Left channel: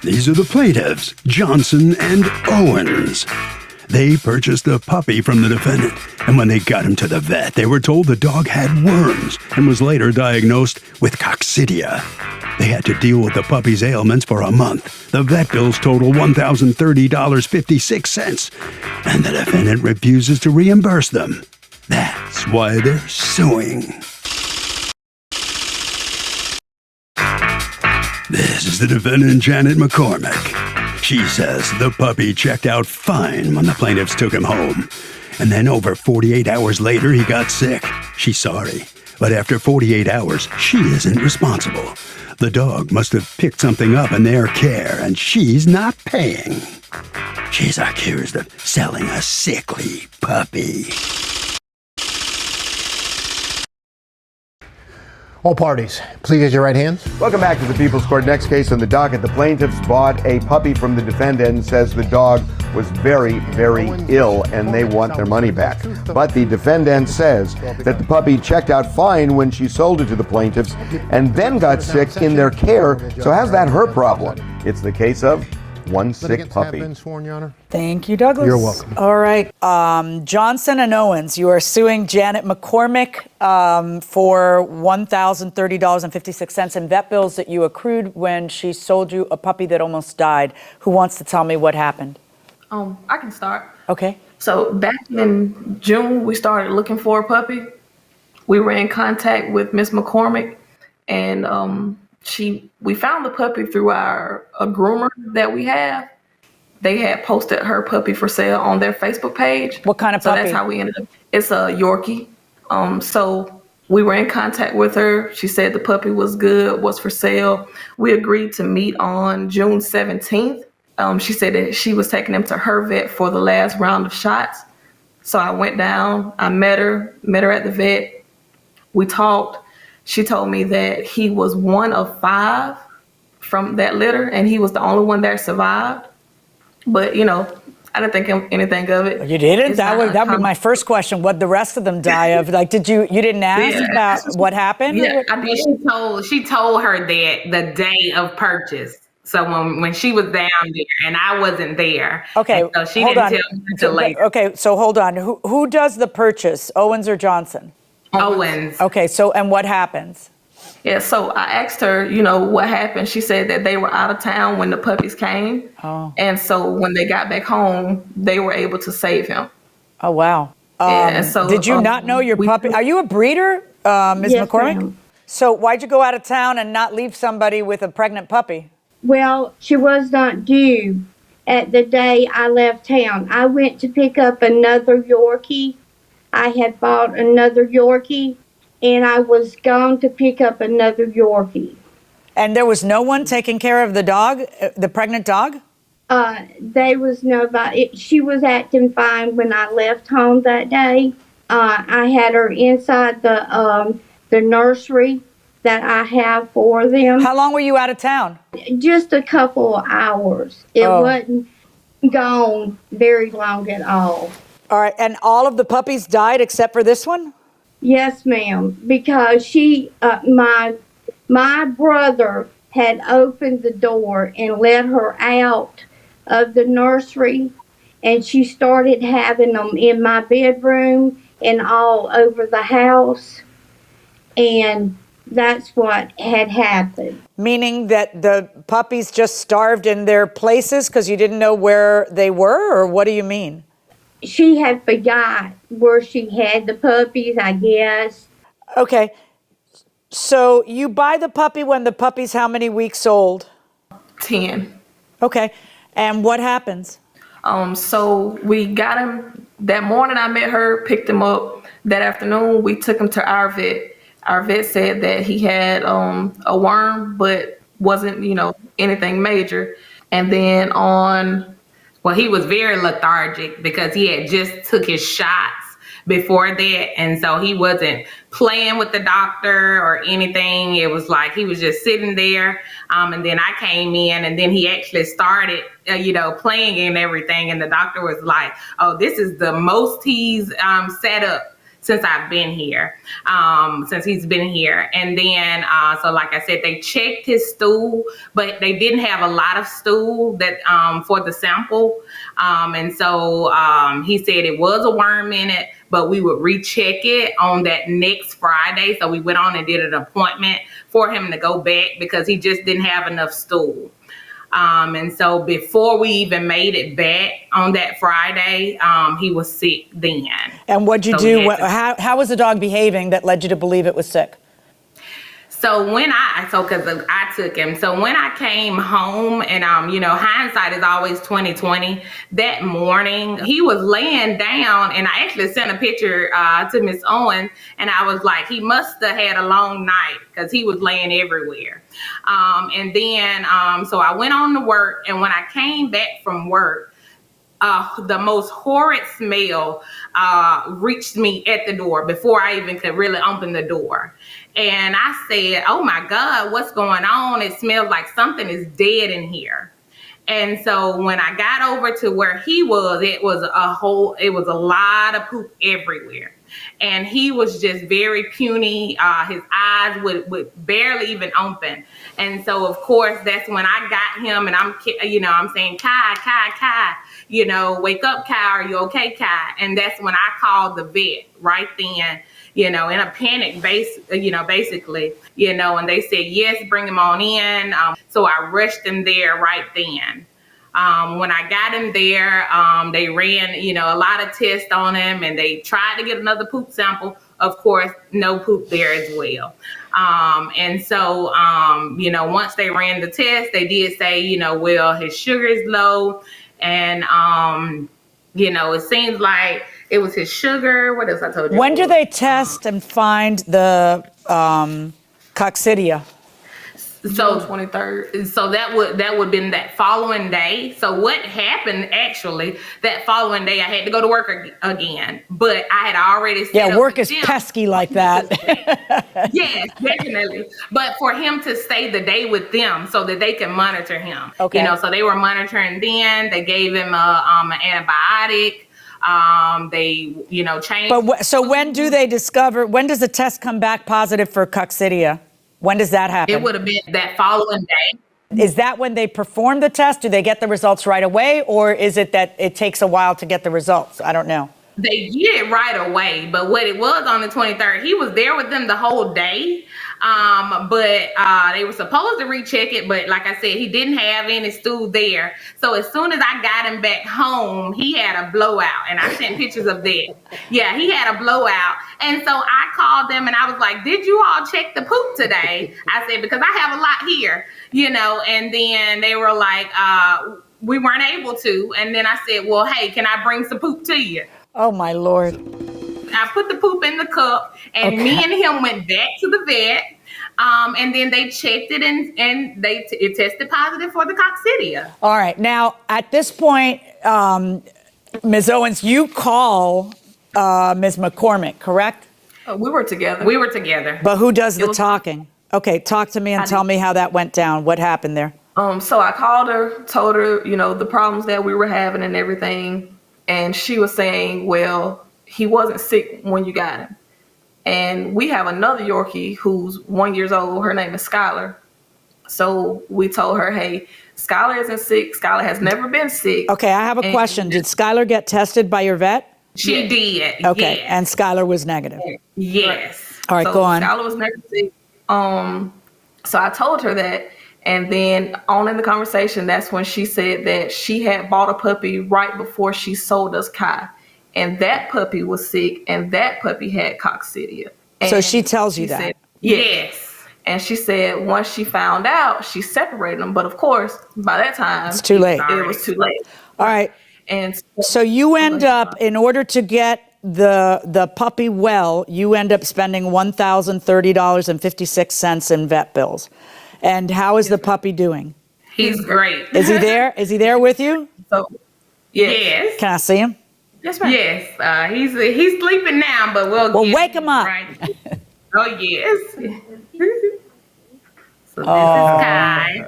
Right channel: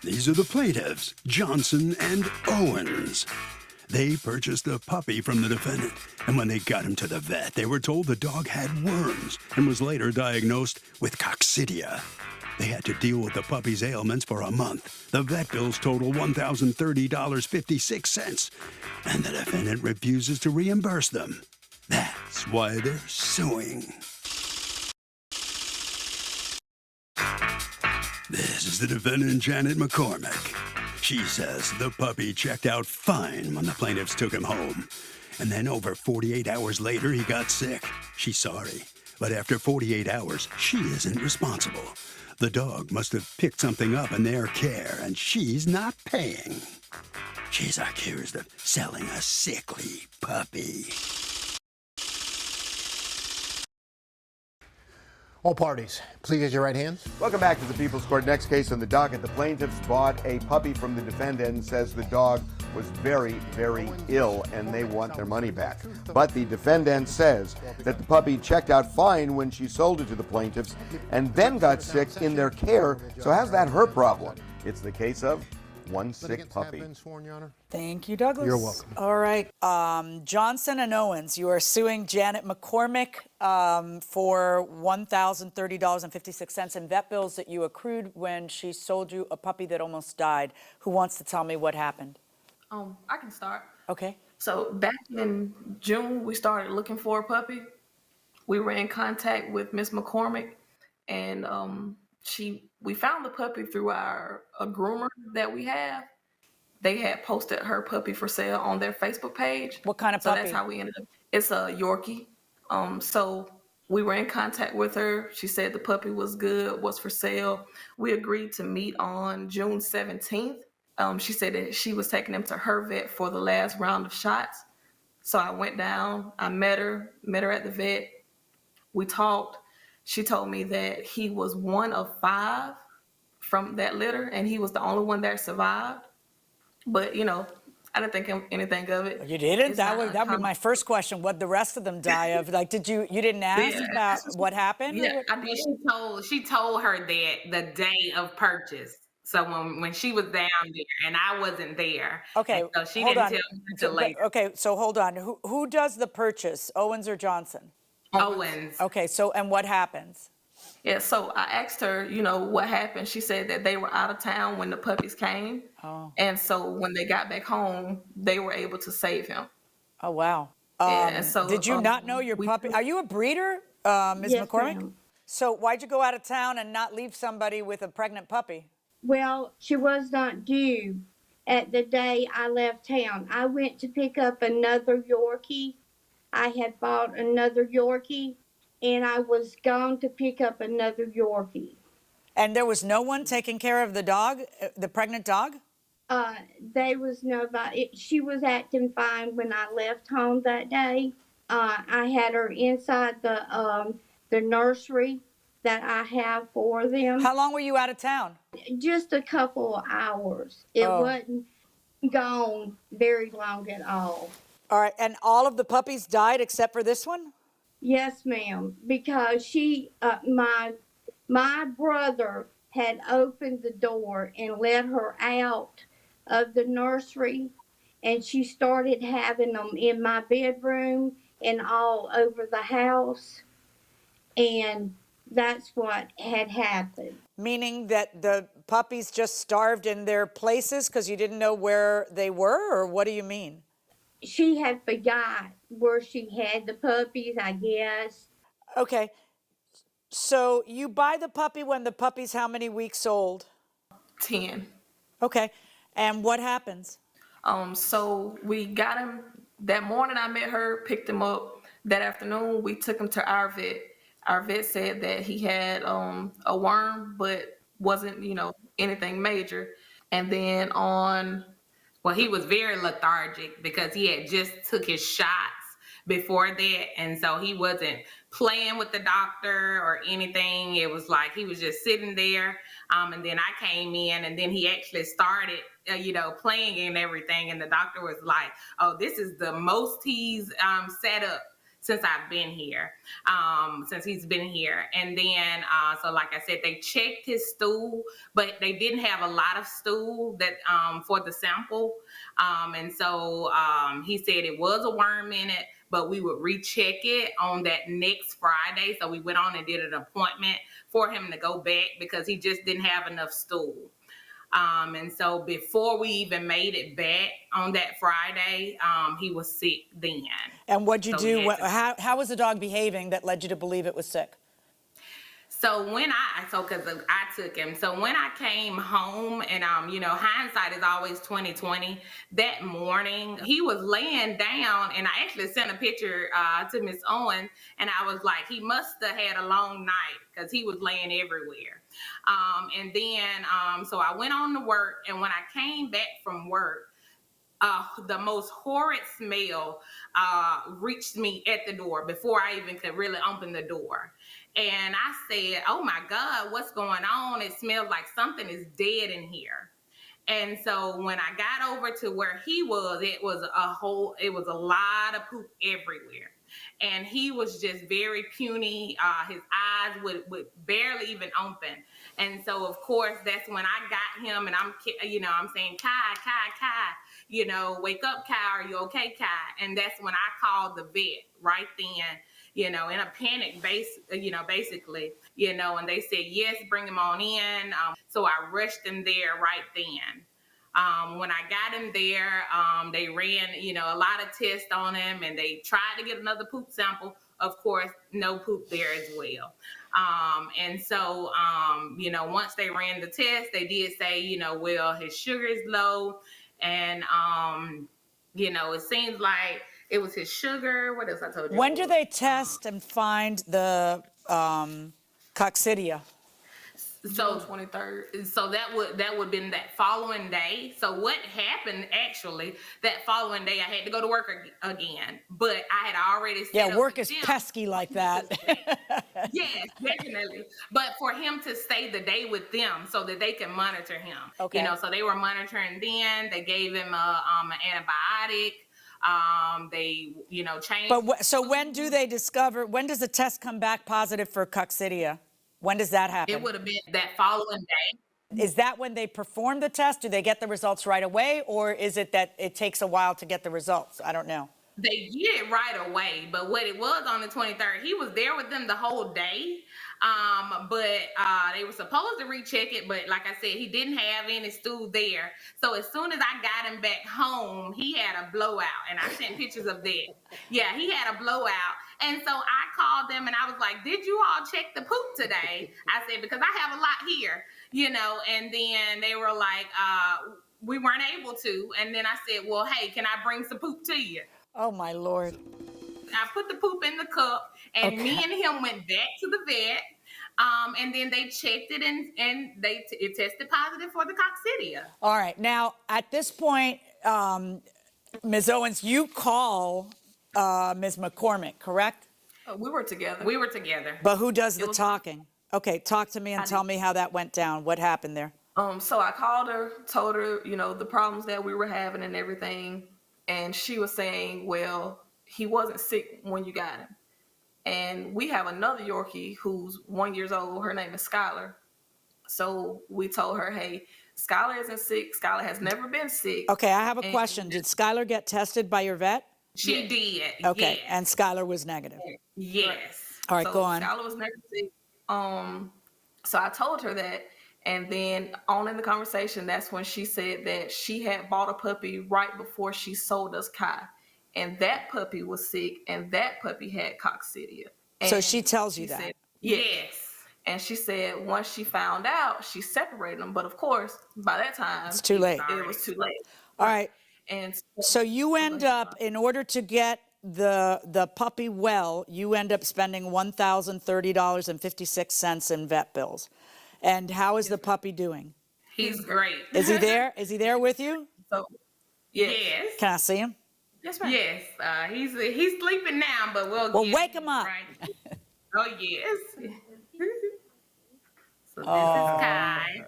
These are the plaintiffs, Johnson and Owens. They purchased a puppy from the defendant, and when they got him to the vet, they were told the dog had worms and was later diagnosed with coccidia. They had to deal with the puppy's ailments for a month. The vet bills total $1,030.56, and the defendant refuses to reimburse them. That's why they're suing. This is the defendant, Janet McCormick. She says the puppy checked out fine when the plaintiffs took him home. And then over 48 hours later, he got sick. She's sorry, but after 48 hours, she isn't responsible. The dog must have picked something up in their care, and she's not paying. She's accused of selling a sickly puppy. All parties, please raise your right hands. Welcome back to the People's Court. Next case on the docket. The plaintiffs bought a puppy from the defendant and says the dog was very, very ill and they want their money back. But the defendant says that the puppy checked out fine when she sold it to the plaintiffs and then got sick in their care. So how's that her problem? It's the case of one sick puppy. Thank you, Douglas. You're welcome. All right. Johnson and Owens, you are suing Janet McCormick for $1,030.56 in vet bills that you accrued when she sold you a puppy that almost died. Who wants to tell me what happened? I can start. Okay. So back in June, we started looking for a puppy. We were in contact with Miss McCormick, and we found the puppy through a groomer that we have. They had posted her puppy for sale on their Facebook page. What kind of puppy? So that's how we ended up. It's a Yorkie. So we were in contact with her. She said the puppy was good, was for sale. We agreed to meet on June 17th. She said that she was taking him to her vet for the last round of shots. So I went down, I met her at the vet. We talked. She told me that he was one of 5 from that litter, and he was the only one that survived. But, I didn't think anything of it. You didn't? That would be my first question. What'd the rest of them die of? Like, you didn't ask about what happened? Yeah, I did. She told her that the day of purchase. So when she was down there and I wasn't there. Okay, so she hold didn't on. tell me until later. Okay, so hold on. Who does the purchase, Owens or Johnson? Owens. Okay, and what happens? Yeah, so I asked her, what happened. She said that they were out of town when the puppies came. Oh. And so when they got back home, they were able to save him. Oh, wow. And so, did you not know your puppy? Are you a breeder, Ms. Yes, McCormick? ma'am. So why'd you go out of town and not leave somebody with a pregnant puppy? Well, she was not due at the day I left town. I went to pick up another Yorkie. I had bought another Yorkie, and I was gone to pick up another Yorkie. And there was no one taking care of the dog, the pregnant dog? There was nobody. She was acting fine when I left home that day. I had her inside the nursery that I have for them. How long were you out of town? Just a couple of hours. It wasn't gone very long at all. All right, and all of the puppies died except for this one? Yes, ma'am, because my brother had opened the door and let her out of the nursery, and she started having them in my bedroom and all over the house, and that's what had happened. Meaning that the puppies just starved in their places because you didn't know where they were, or what do you mean? She had forgot where she had the puppies, I guess. Okay. So you buy the puppy when the puppy's how many weeks old? 10. Okay. And what happens? So we got him that morning. I met her, picked him up. That afternoon, we took him to our vet. Our vet said that he had a worm, but wasn't, anything major. And then Well, he was very lethargic because he had just took his shots before that. And so he wasn't playing with the doctor or anything. It was like he was just sitting there. And then I came in and then he actually started, playing and everything. And the doctor was like, oh, this is the most he's set up. since I've been here, since he's been here. And then, so like I said, they checked his stool, but they didn't have a lot of stool that for the sample. And so he said it was a worm in it, but we would recheck it on that next Friday. So we went on and did an appointment for him to go back because he just didn't have enough stool. And so before we even made it back on that Friday, he was sick then. And what'd you do? How was the dog behaving that led you to believe it was sick? So because I took him. So when I came home, and hindsight is always 20/20. That morning, he was laying down, and I actually sent a picture to Miss Owen, and I was like, he must have had a long night because he was laying everywhere. And then, so I went on to work, and when I came back from work, the most horrid smell reached me at the door before I even could really open the door. And I said, oh my God, what's going on? It smells like something is dead in here. And so when I got over to where he was, it was a lot of poop everywhere. And he was just very puny. His eyes would barely even open. And so, of course, that's when I got him, and I'm saying, Kai, Kai, Kai, wake up, Kai, are you okay, Kai? And that's when I called the vet right then, in a panic basically, and they said, yes, bring him on in. So I rushed him there right then. When I got him there, they ran, a lot of tests on him, and they tried to get another poop sample. Of course, no poop there as well. And so, once they ran the test, they did say, well, his sugar is low. And, it seems like it was his sugar. What else I told you? When do they test and find the coccidia? So 23rd. So that would been that following day. So what happened actually that following day? I had to go to work again, but I had already set up work with is them. pesky like that. Yes, definitely. But for him to stay the day with them so that they can monitor him. Okay. So they were monitoring then. They gave him an antibiotic. They changed. But so when do they discover? When does the test come back positive for coccidia? When does that happen? It would have been that following day. Is that when they perform the test? Do they get the results right away, or is it that it takes a while to get the results? I don't know. They get it right away, but what it was on the 23rd, he was there with them the whole day. But they were supposed to recheck it, but like I said, he didn't have any stool there. So as soon as I got him back home, he had a blowout, and I sent pictures of that. Yeah, he had a blowout. And so I called them and I was like, did you all check the poop today? I said, because I have a lot here, and then they were like, we weren't able to. And then I said, well, hey, can I bring some poop to you? Oh, my Lord. I put the poop in the cup, and me and him went back to the vet, and then they checked it, and it tested positive for the coccidia. All right. Now, at this point, Ms. Owens, you call Ms. McCormick, correct? We were together. We were together. But who does the talking? Okay, talk to me and tell me how that went down. What happened there? So I called her, told her, the problems that we were having and everything. And she was saying, well, he wasn't sick when you got him. And we have another Yorkie who's 1 year old. Her name is Skylar. So we told her, hey, Skylar isn't sick. Skylar has never been sick. Okay, I have a question. Did Skylar get tested by your vet? She did. Okay, yes. and Skylar was negative. Yes. All right, so go on. Skylar was never sick. So I told her that. And then on in the conversation, that's when she said that she had bought a puppy right before she sold us Kai. And that puppy was sick, and that puppy had coccidia. And So she tells you that? said, Yes. And she said once she found out, she separated them. But of course, by that time, It's too late. it was too late. All right. And So you end up, in order to get the puppy well, you end up spending $1,030.56 in vet bills. And how is the puppy doing? He's great. Is he there? Is he there with you? So, Yes. Can I see him? yes, ma'am. Yes. He's sleeping now, but we'll get wake him up. Right. Oh, yes. So this is Kai.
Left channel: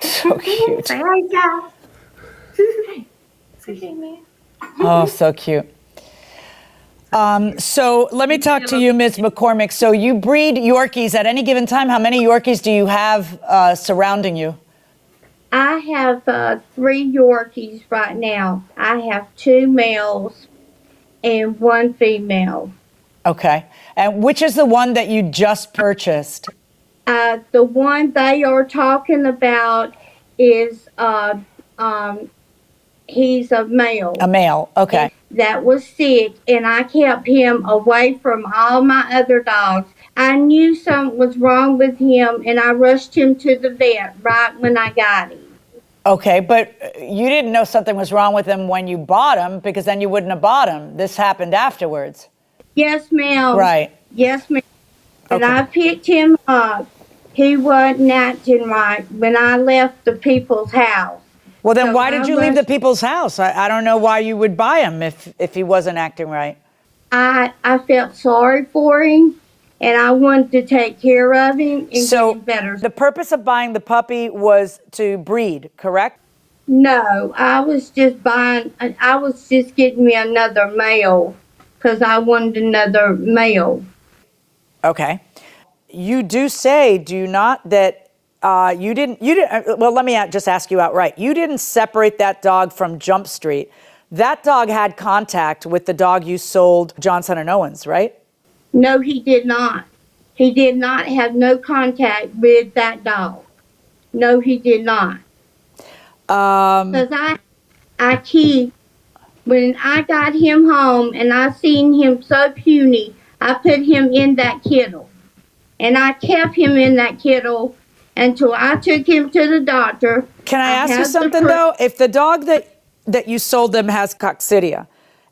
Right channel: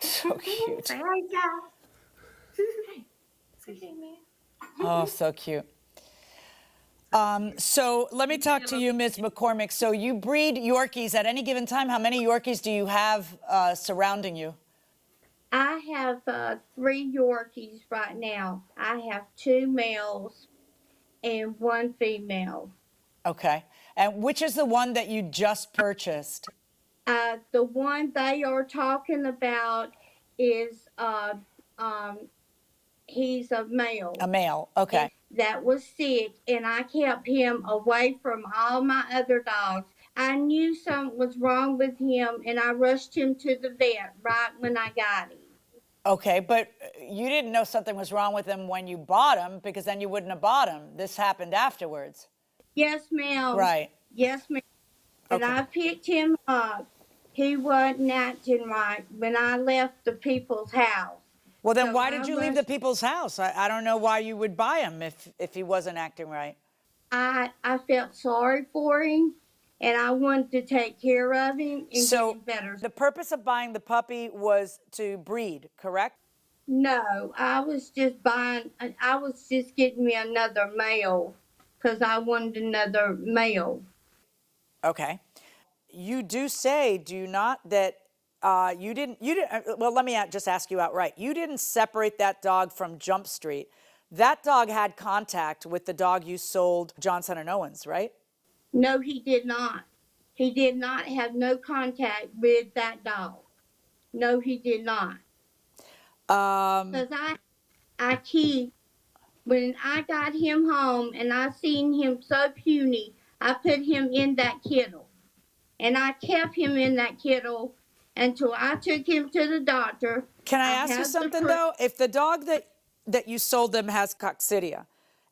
So cute. Say hi, Kai. Say hey, man. Oh, so cute. So let me talk to you, Ms. McCormick. So you breed Yorkies at any given time. How many Yorkies do you have surrounding you? I have 3 Yorkies right now. I have 2 males and 1 female. Okay. And which is the one that you just purchased? The one they are talking about is he's a male. A male. Okay. That was sick, and I kept him away from all my other dogs. I knew something was wrong with him, and I rushed him to the vet right when I got him. Okay, but you didn't know something was wrong with him when you bought him, because then you wouldn't have bought him. This happened afterwards. Yes, ma'am. Right. Yes, ma'am. And Okay. I picked him up. He wasn't acting right when I left the people's house. Well, then So why did you leave the people's house? I don't know why you would buy him if he wasn't acting right. I felt sorry for him, and I wanted to take care of him and So get him better. the purpose of buying the puppy was to breed, correct? No, I was just getting me another male because I wanted another male. Okay. You do say, do you not, that you didn't, well, let me just ask you outright. You didn't separate that dog from Jump Street. That dog had contact with the dog you sold, Johnson and Owens, right? No, he did not. He did not have no contact with that dog. No, he did not. Because when I got him home and I seen him so puny, I put him in that kennel. And I kept him in that kennel until I took him to the doctor. Can I ask you something, though? If the dog that you sold them has coccidia,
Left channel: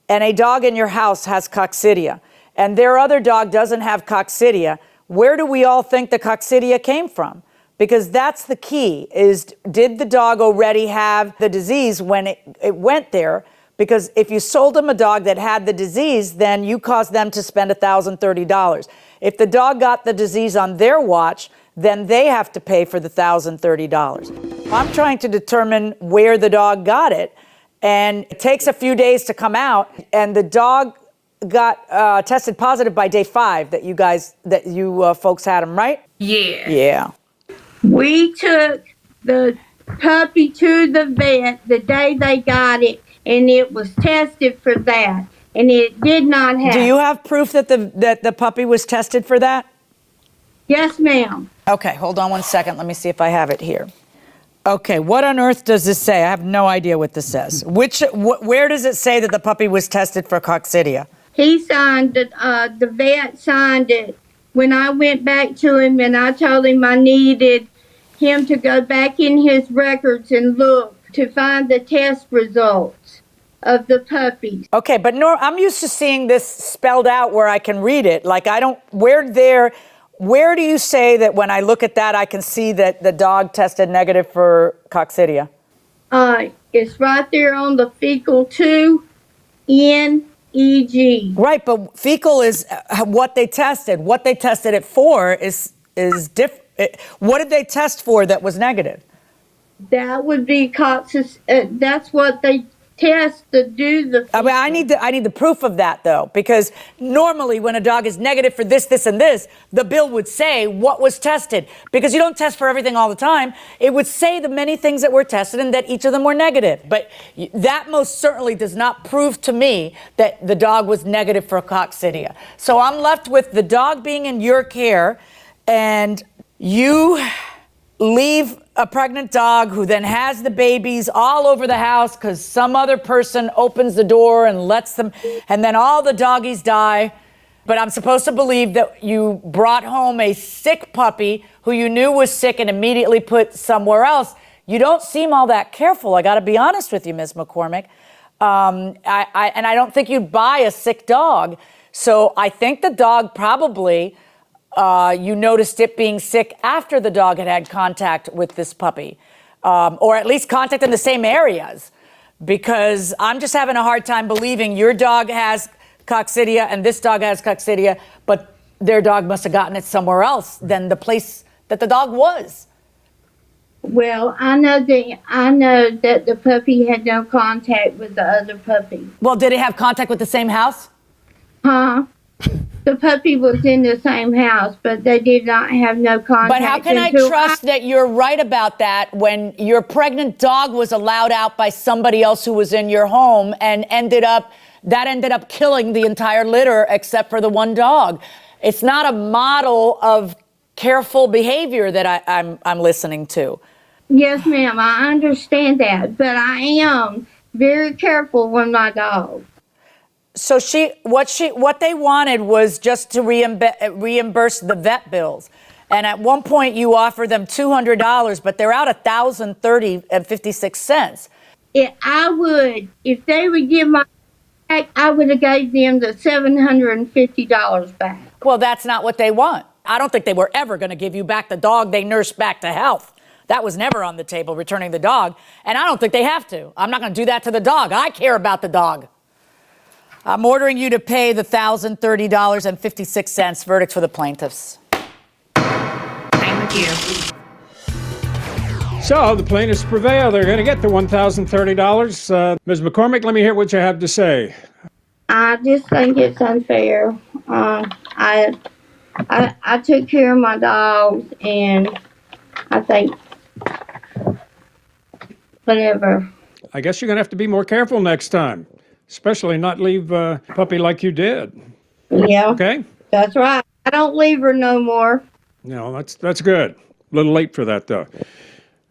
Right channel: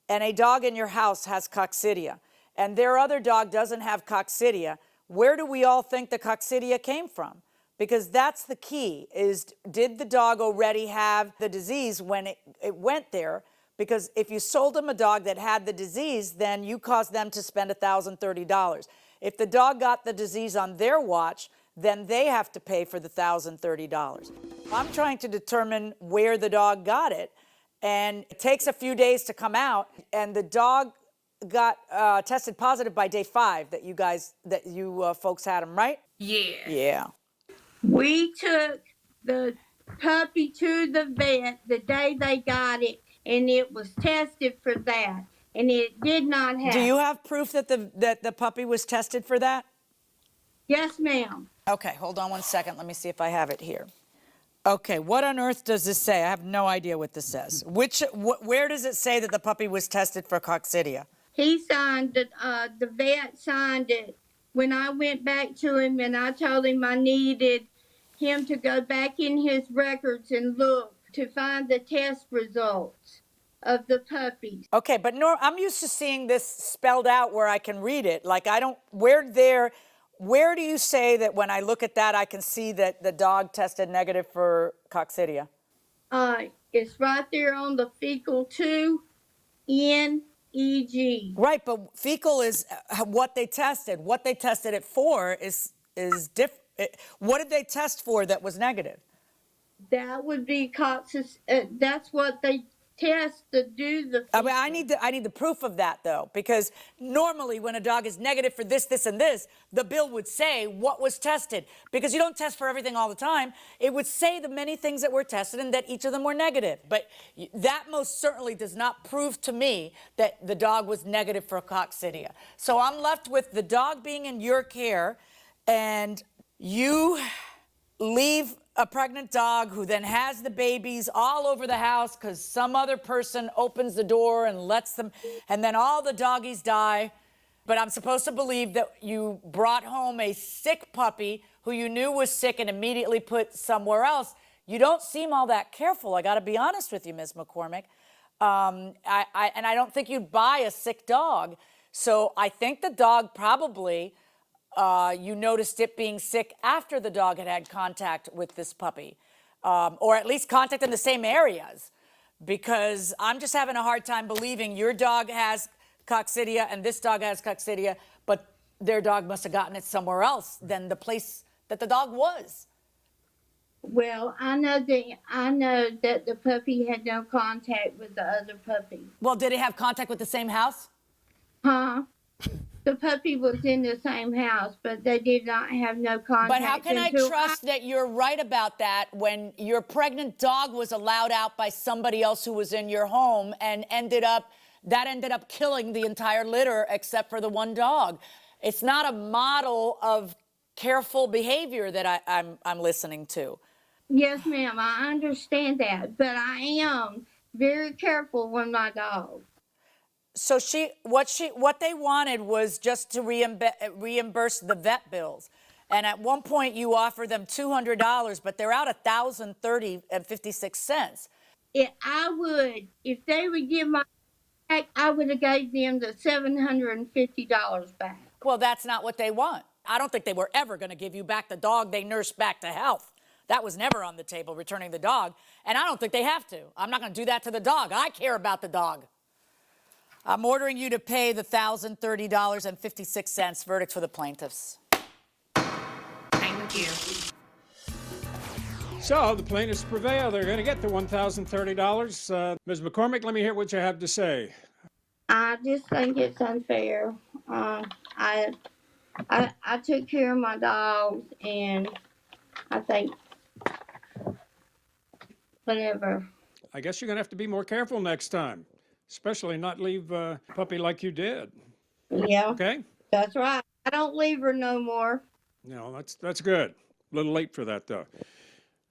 and a dog in your house has coccidia, and their other dog doesn't have coccidia, where do we all think the coccidia came from? Because that's the key, is did the dog already have the disease when it went there? Because if you sold them a dog that had the disease, then you caused them to spend $1,030. If the dog got the disease on their watch, then they have to pay for the $1,030. I'm trying to determine where the dog got it, and it takes a few days to come out, and the dog got tested positive by day 5 that you folks had him, right? Yeah. Yeah. We took the puppy to the vet the day they got it, and it was tested for that, and it did not have. Do you have proof that the puppy was tested for that? Yes, ma'am. Okay, hold on one second. Let me see if I have it here. Okay, what on earth does this say? I have no idea what this says. Where does it say that the puppy was tested for coccidia? He signed it, the vet signed it when I went back to him and I told him I needed him to go back in his records and look to find the test results of the puppies. Okay, but I'm used to seeing this spelled out where I can read it. Like, where do you say that when I look at that, I can see that the dog tested negative for coccidia? It's right there on the fecal 2 NEG. Right, but fecal is what they tested. What they tested it for is different. What did they test for that was negative? That would be coccidia. That's what they test to do the. I mean, I need the proof of that, though, because normally when a dog is negative for this, this, and this, the bill would say what was tested, because you don't test for everything all the time. It would say the many things that were tested and that each of them were negative. But that most certainly does not prove to me that the dog was negative for coccidia. So I'm left with the dog being in your care, and you leave a pregnant dog who then has the babies all over the house because some other person opens the door and lets them, and then all the doggies die. But I'm supposed to believe that you brought home a sick puppy who you knew was sick and immediately put somewhere else. You don't seem all that careful. I got to be honest with you, Ms. McCormick. And I don't think you'd buy a sick dog. So I think the dog probably, you noticed it being sick after the dog had contact with this puppy, or at least contact in the same areas, because I'm just having a hard time believing your dog has coccidia and this dog has coccidia, but their dog must have gotten it somewhere else than the place that the dog was. Well, I know that the puppy had no contact with the other puppy. Well, did it have contact with the same house? Huh? The puppy was in the same house, but they did not have no contact. But how can I trust that you're right about that when your pregnant dog was allowed out by somebody else who was in your home and ended up killing the entire litter except for the one dog? It's not a model of careful behavior that I'm listening to. Yes, ma'am, I understand that, but I am very careful with my dog. So what they wanted was just to reimburse the vet bills. And at one point you offered them $200, but they're out $1,030.56. If they would give my back, I would have gave them the $750 back. Well, that's not what they want. I don't think they were ever going to give you back the dog they nursed back to health. That was never on the table, returning the dog. And I don't think they have to. I'm not going to do that to the dog. I care about the dog. I'm ordering you to pay the $1,030.56 verdict for the plaintiffs. Thank you. So the plaintiffs prevail. They're going to get the $1,030. Ms. McCormick, let me hear what you have to say. I just think it's unfair. I took care of my dogs, and I think whatever. I guess you're going to have to be more careful next time, especially not leave a puppy like you did. Yeah. Okay? That's right. I don't leave her no more. No, that's good. A little late for that, though.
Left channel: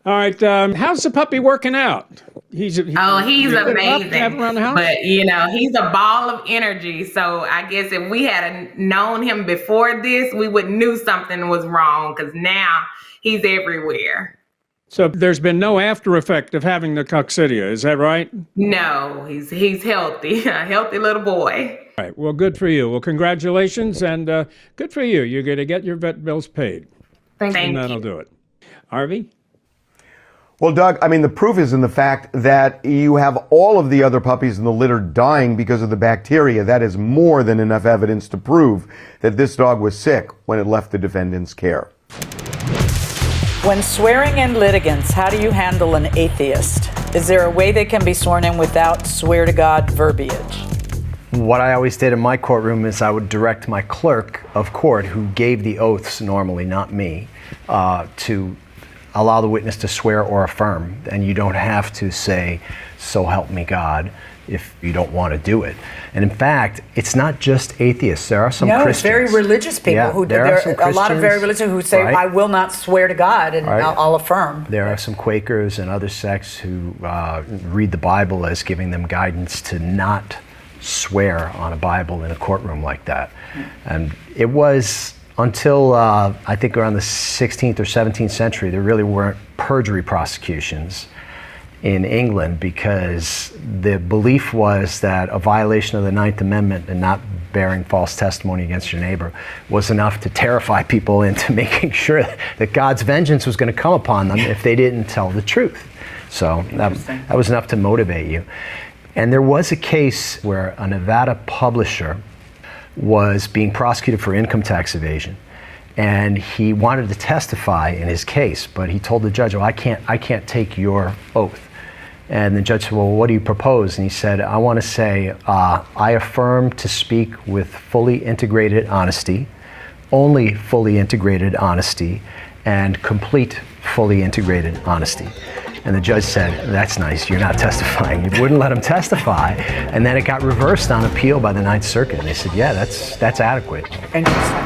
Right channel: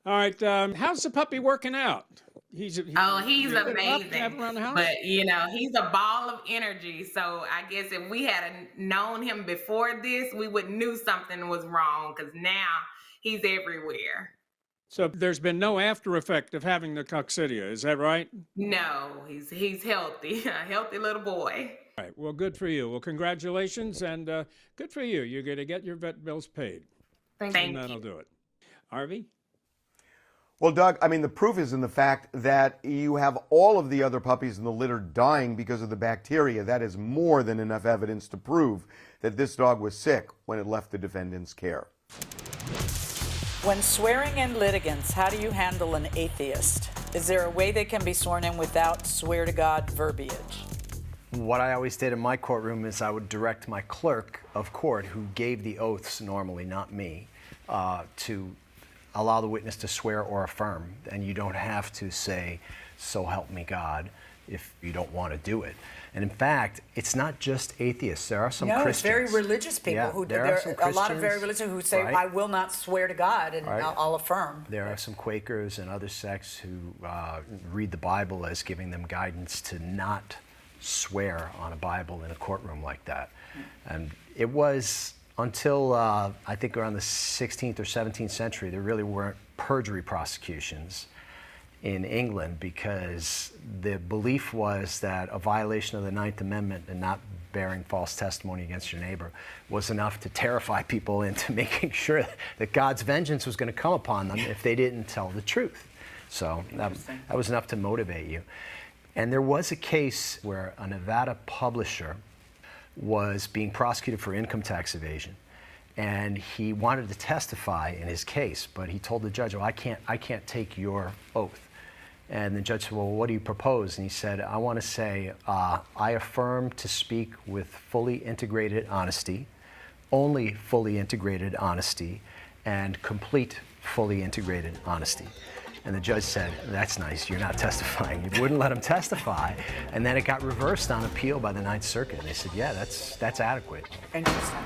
All right, how's the puppy working out? He's amazing. Around the house? But, he's a ball of energy. So I guess if we had known him before this, we would knew something was wrong because now he's everywhere. So there's been no after effect of having the coccidia, is that right? No, he's healthy, a healthy little boy. All right, well, good for you. Well, congratulations, and good for you. You're going to get your vet bills paid. Thank you. And that'll do it. Harvey? Well, Doug, I mean, the proof is in the fact that you have all of the other puppies in the litter dying because of the bacteria. That is more than enough evidence to prove that this dog was sick when it left the defendant's care. When swearing in litigants, how do you handle an atheist? Is there a way they can be sworn in without swear to God verbiage? What I always did in my courtroom is I would direct my clerk of court, who gave the oaths normally, not me, to allow the witness to swear or affirm. And you don't have to say, "So help me God," if you don't want to do it. And in fact, it's not just atheists. There are some Christians. It's very religious people who there are some a lot of very religious who say, right? "I will not swear to God," and Right. I'll affirm. There are some Quakers and other sects who read the Bible as giving them guidance to not swear on a Bible in a courtroom like that. And it was until I think around the 16th or 17th century, there really weren't perjury prosecutions in England, because the belief was that a violation of the Ninth Amendment and not bearing false testimony against your neighbor was enough to terrify people into making sure that God's vengeance was going to come upon them if they didn't tell the truth. So that was enough to motivate you. And there was a case where a Nevada publisher was being prosecuted for income tax evasion, and he wanted to testify in his case, but he told the judge, "Well, I can't take your oath." And the judge said, "Well, what do you propose?" And he said, "I want to say, I affirm to speak with fully integrated honesty, only fully integrated honesty, and complete fully integrated honesty." And the judge said, "That's nice, you're not testifying." You wouldn't let him testify. And then it got reversed on appeal by the Ninth Circuit. And they said, "Yeah, that's adequate." Interesting.